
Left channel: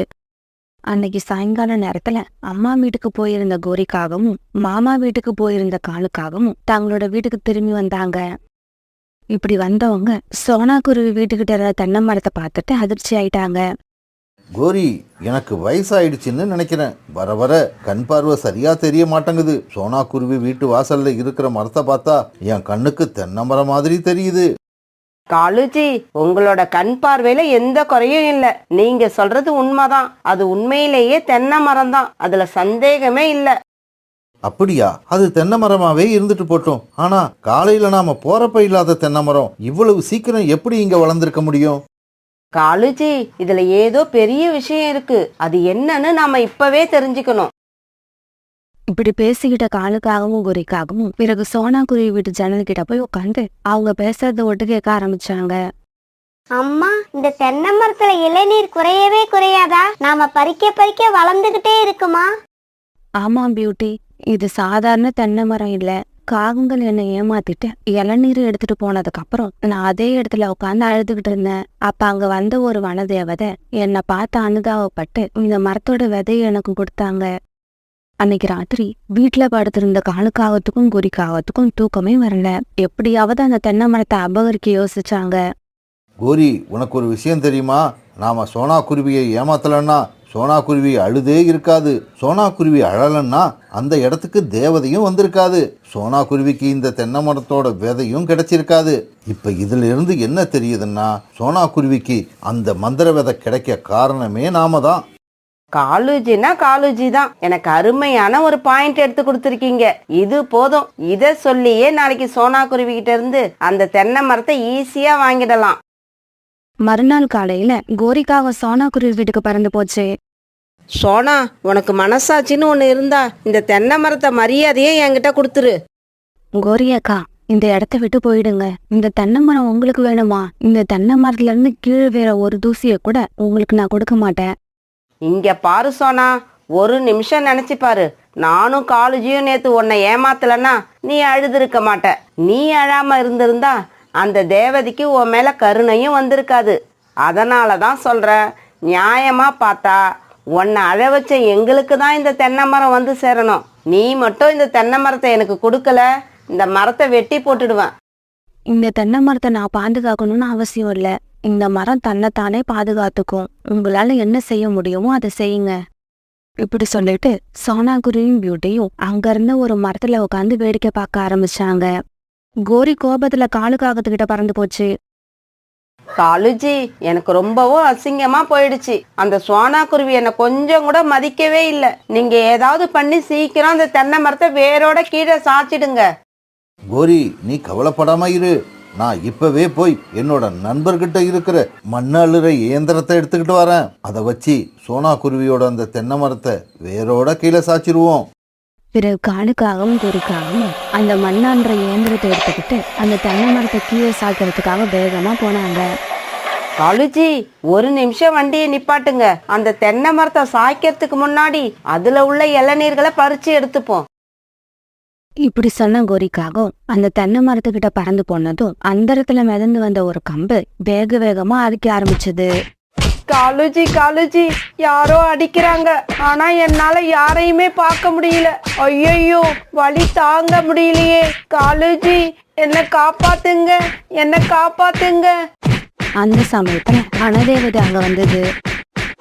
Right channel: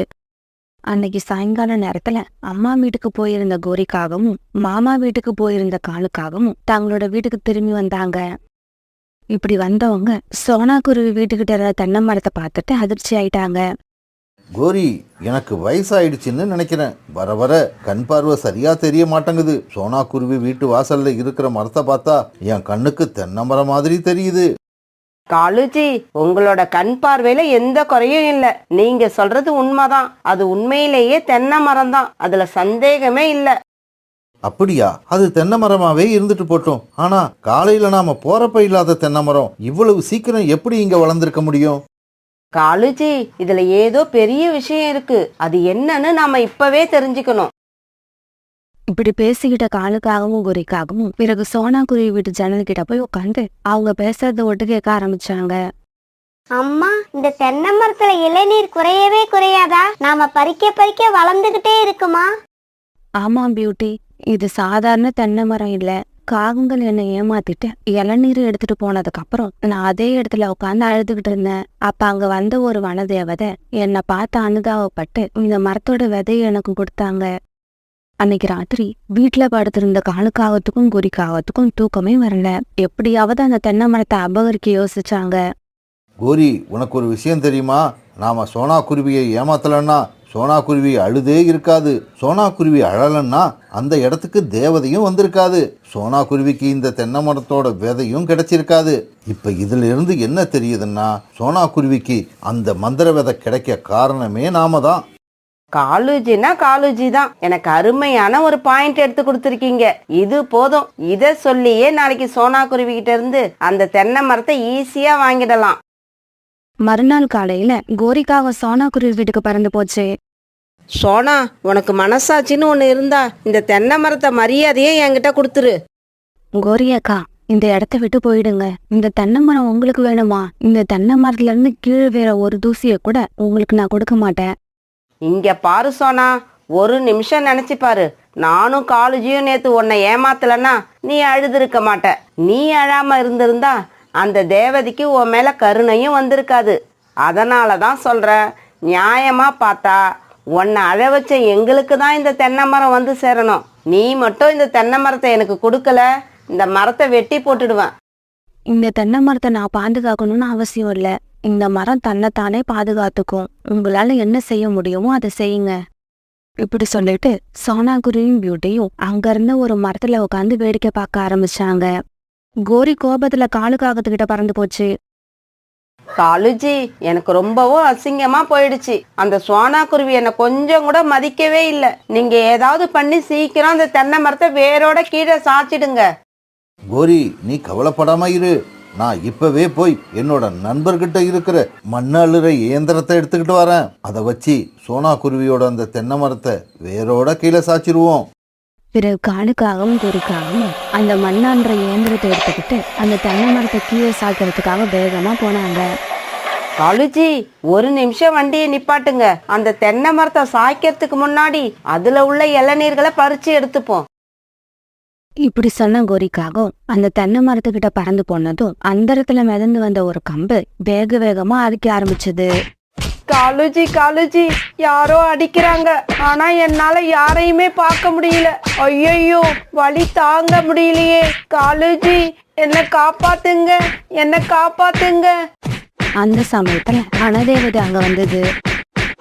அன்னைக்கு சாயங்கால நேரத்துல அம்மா வீட்டுக்கு போயிருந்த கோரிக்காகவும் மாமா வீட்டுக்கு போயிருந்த காலுக்காகவும் தங்களோட வீட்டுக்கு திரும்பி வந்தாங்க. இப்படி வந்தவங்க சோனா குருவி வீட்டுக்கிட்ட இருந்த தென்னை மரத்தை பார்த்துட்டு அதிர்ச்சி ஆயிட்டாங்க. கோரி, எனக்கு வயசாயிடுச்சுன்னு நினைக்கிறேன். வர வர கண் பார்வை சரியா தெரிய மாட்டேங்குது. சோனா குருவி வீட்டு வாசல்ல இருக்கிற மரத்தை பார்த்தா என் கண்ணுக்கு தென்னை மரம் மாதிரி தெரியுது. காலுஜி, உங்களோட கண் பார்வையில எந்த குறையும் இல்ல. நீங்க சொல்றது உண்மைதான். அது உண்மையிலேயே தென்னை மரம் தான், அதுல சந்தேகமே இல்ல. அப்படியா? அது தென்னை மரமாவே இருந்துட்டு போட்டோம். ஆனா காலையில நாம போறப்ப இல்லாத தென்னை மரம் இவ்வளவு சீக்கிரம் எப்படி இங்க வளர்ந்திருக்க முடியும்? காலுஜி, இதுல ஏதோ பெரிய விஷயம் இருக்கு. அது என்னன்னு நாம இப்பவே தெரிஞ்சுக்கணும். இப்படி பேசிக்கிட்ட காலுக்காகவும் கோரிக்காகவும் பிறகு சோனா குருவி வீட்டு ஜன்னல் கிட்ட போய் உட்காந்து அவங்க பேசுறத ஒட்டு கேட்க ஆரம்பிச்சாங்க. அம்மா, இந்த தென்னை மரத்துல இளநீர் குறையவே குறையாதா? நாம பறிக்க பறிக்க வளர்ந்துகிட்டே இருக்குமா? ஆமா பியூட்டி, இது சாதாரண தென்னை மரம் இல்ல. காகங்கள் என்னை ஏமாத்திட்டு இளநீர் எடுத்துட்டு போனதுக்கு அப்புறம் நான் அதே இடத்துல உட்காந்து அழுதுகிட்டு இருந்தேன். அப்ப அங்க வந்த ஒரு வனதேவதை என்னை பார்த்து அனுதாபப்பட்டு இந்த மரத்தோட விதையை எனக்கு கொடுத்தாங்க. அன்னைக்கு ராத்திரி வீட்டுல படுத்திருந்த காலுக்காகத்துக்கும் குறிக்காகத்துக்கும் தூக்கமே வரல. எப்படியாவது அந்த தென்னை மரத்தை அபகரிக்க யோசிச்சாங்க. கோரி, உனக்கு ஒரு விஷயம் தெரியுமா? நாம சோனா குருவியை ஏமாத்தலன்னா சோனா குருவி அழுதே இருக்காது. சோனா குருவி அழலன்னா அந்த இடத்துக்கு தேவதையும் வந்திருக்காது. சோனா குருவிக்கு இந்த தென்னை மரத்தோட விதையும் கிடைச்சிருக்காது. இப்ப இதுல இருந்து என்ன தெரியுதுன்னா, சோனா குருவிக்கு அந்த மந்திர விதை கிடைக்க காரணமே நாம தான். காலுஜினா காலுஜி தான். எனக்கு அருமையான ஒரு பாயிண்ட் எடுத்து கொடுத்துருக்கீங்க. இது போதும். இத சொல்லியே நாளைக்கு சோனா குருவி கிட்ட இருந்து அந்த தென்னை மரத்தை ஈஸியா வாங்கிடலாம். மறுநாள் காலையில கோரிக்காக சோனா குருவி வீட்டுக்கு பறந்து போச்சு. சோனா, உனக்கு மனசாட்சின்னு ஒண்ணு இருந்தா இந்த தென்னை மரத்தை மரியாதையே என்கிட்ட கொடுத்துரு. கோரி அக்கா, இந்த இடத்த விட்டு போயிடுங்க. இந்த தென்னை மரம் உங்களுக்கு வேணுமா? இந்த தென்னை மரத்துல இருந்து கீழே வேற ஒரு தூசிய கூட உங்களுக்கு நான் கொடுக்க மாட்டேன். இங்க பாரு சோனா, ஒரு நிமிஷம் நினைச்சு பாரு. நானும் காலுஜியும் நேத்து உன்னை ஏமாத்தலன்னா நீ அழுதுருக்க மாட்ட. நீ அழாம இருந்திருந்தா அந்த தேவதைக்கு உன் மேல கருணையும் வந்திருக்காது. அதனால தான் சொல்றேன், நியாயமா பார்த்தா உன்னை அழ வச்ச எங்களுக்கு தான் இந்த தென்னை மரம் வந்து சேரணும். நீ மட்டும் இந்த தென்னை மரத்தை எனக்கு கொடுக்கல, இந்த மரத்தை வெட்டி போட்டுடுவேன். இந்த தென்னை மரத்தை நான் பாதுகாக்கணும்னு அவசியம் இல்ல. இந்த மரம் தன்னைத்தானே பாதுகாத்துக்கும். உங்களால என்ன செய்ய முடியுமோ அதை செய்யுங்க. இப்படி சொல்லிட்டு சோனா குருவியும் பியூட்டியும் அங்க இருந்த ஒரு மரத்துல உட்காந்து வேடிக்கை பார்க்க ஆரம்பிச்சாங்க. கோரி கோபத்துல காலுக்காகத்துக்கிட்ட பறந்து போச்சு. காலுஜி, எனக்கு ரொம்பவும் அசிங்கமா போயிடுச்சு. அந்த சோனா குருவி என்னை கொஞ்சம் கூட மதிக்கவே இல்லை. நீங்க ஏதாவது பண்ணி சீக்கிரம் அந்த தென்னை மரத்தை வேரோட கீழே சாச்சிடுங்க. கோரி, நீ கவலைப்படாம இரு. நான் இப்பவே போய் என்னோட நண்பர்கிட்ட இருக்கிற மண்ணழுற இயந்திரத்தை எடுத்துக்கிட்டு வரேன். அதை வச்சு சோனா குருவியோட அந்த தென்னை மரத்தை வேரோட கீழே சாச்சிருவோம். பிறகு காலுக்காகவும் கோரிக்காகவும் அந்த மண்ணான்ற இயந்திரத்தை எடுத்துக்கிட்டு அந்த தென்னை மரத்தை கீழே சாக்கிறதுக்காக வேகமா போனாங்க. காலுஜி, ஒரு நிமிஷம் வண்டியை நிப்பாட்டுங்க. அந்த தென்னை மரத்தை சாய்க்கிறதுக்கு முன்னாடி அதுல உள்ள இளநீர்களை பறிச்சு எடுத்துப்போம். இப்படி சொன்ன கோரிக்காகவும் அந்த தென்னை மரத்துக்கிட்ட பறந்து போனதும் அந்த இடத்துல மிதந்து வந்த ஒரு கம்பு வேக வேகமா அடிக்க ஆரம்பிச்சது. காலுஜி, காலுஜி, யாரோ அடிக்கிறாங்க. ஆனா என்னால யாரையுமே பார்க்க முடியல. ஐயோ, வலி தாங்க முடியலையே. காலுஜி, என்ன காப்பாத்துங்க, என்ன காப்பாத்துங்க. அந்த சமயத்துல வனதேவதை அங்க வந்தது.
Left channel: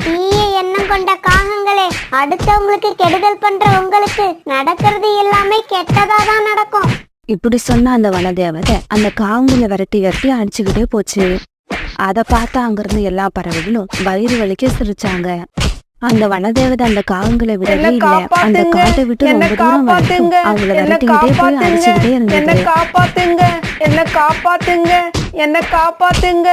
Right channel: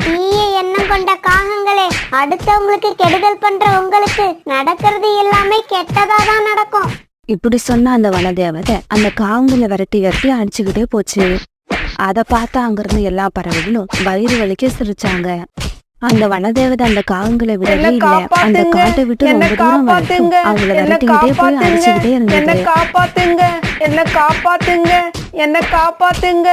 தீய எண்ணம் கொண்ட காகங்களே, அடுத்தவங்களுக்கு கெடுதல் பண்ற உங்களுக்கு நடக்கிறது எல்லாமே கெட்டதா தான் நடக்கும். இப்படி சொன்ன அந்த வனதேவதை அந்த காவுங்களை விரட்டி விரட்டி அடிச்சுக்கிட்டே போச்சு. அதை பார்த்து அங்கிருந்து எல்லா பறவைகளும் வயிறு வலிக்க சிரிச்சாங்க. அந்த வனதேவதை அந்த காகங்களை விடவே இல்லை. அந்த காட்டை விட்டு ரொம்ப தூரம் வரைக்கும் அவங்கள விரட்டிக்கிட்டே போய் அடிச்சுக்கிட்டே இருந்தது. என்ன காப்பாத்துங்க, என்ன காப்பாத்துங்க.